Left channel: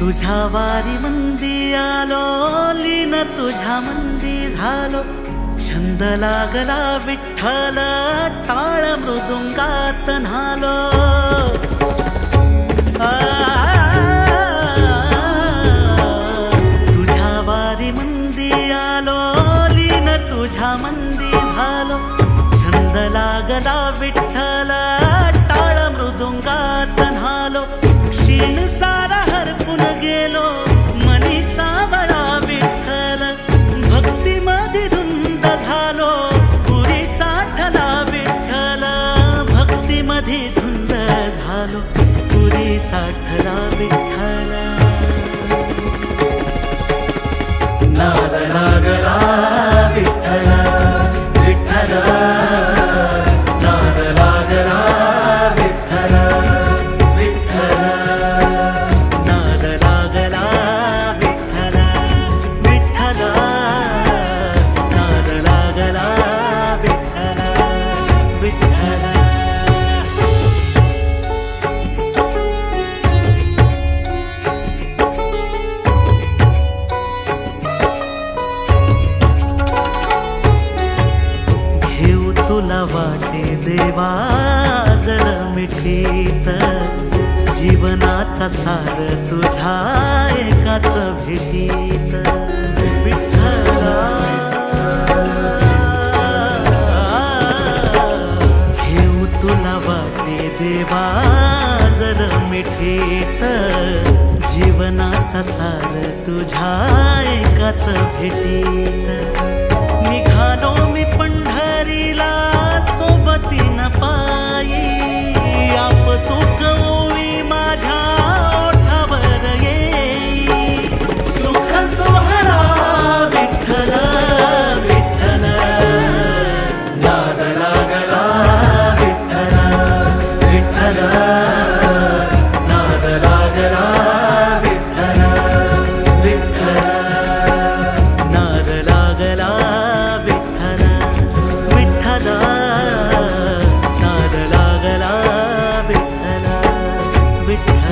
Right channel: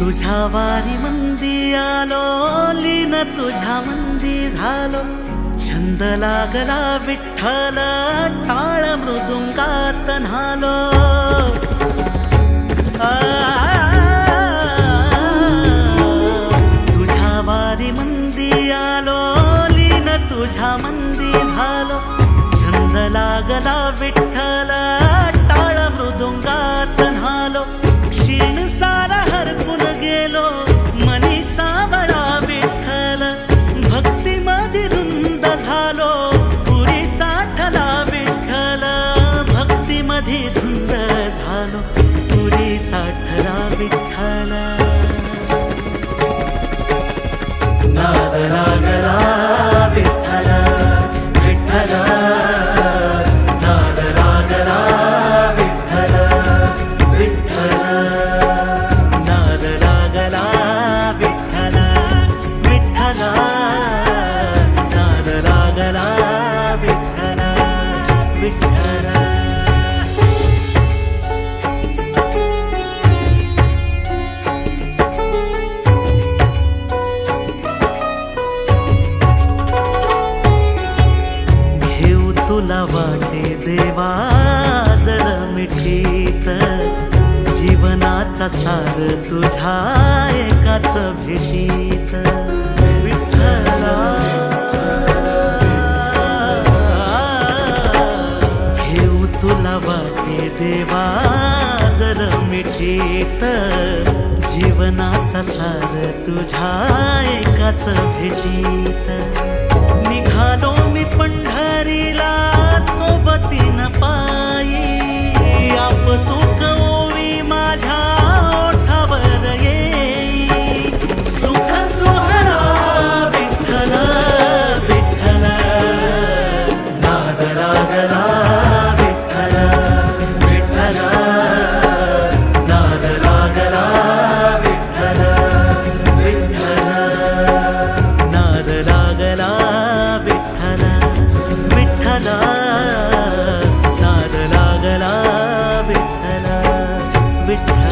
तुझ्या वारी मंदी आलो, लीन तुझ्या मंदी झालो. छंद लागला विठ्ठल, टाळ मृदुंगात न्हालो. तुझ्या वारी मंदी आलो, लीन तुझ्या मंदी झालो. छंद लागला विठ्ठल, टाळ मृदुंगात न्हालो. क्षीण सारा हरपून गेलो, मनी सावळा विठ्ठल. भक्तीमध्ये धुंद झालो, पुरी साठला विठ्ठल. भक्तीमध्ये धुंद झालो, पुरी साठला विठ्ठल. नाद लागला विठ्ठल विठ्ठल, नाद लागला विठ्ठल विठ्ठल, नाद लागला विठ्ठल विठ्ठल, नाद लागला विठ्ठल विठ्ठल. घेऊ तुला वाटे देवा जर मिठीत, जीवनाचा सार तुझ्या एकाच भेटीत. विठ्ठला घेऊ तुला वाटे देवा जर मिठीत, जीवनाचा सार तुझ्या एकाच भेटीत. निघालो मी पंढरीला सोबतीन पायी, आपसुख ओवी माझ्या ओठावर येई. सुख सोहळा विठ्ठल विठ्ठल, नाद लागला विठ्ठल विठ्ठल, नाद लागला विठ्ठल विठ्ठल, नाद लागला विठ्ठल विठ्ठल, नाद लागला विठ्ठल विठ्ठल.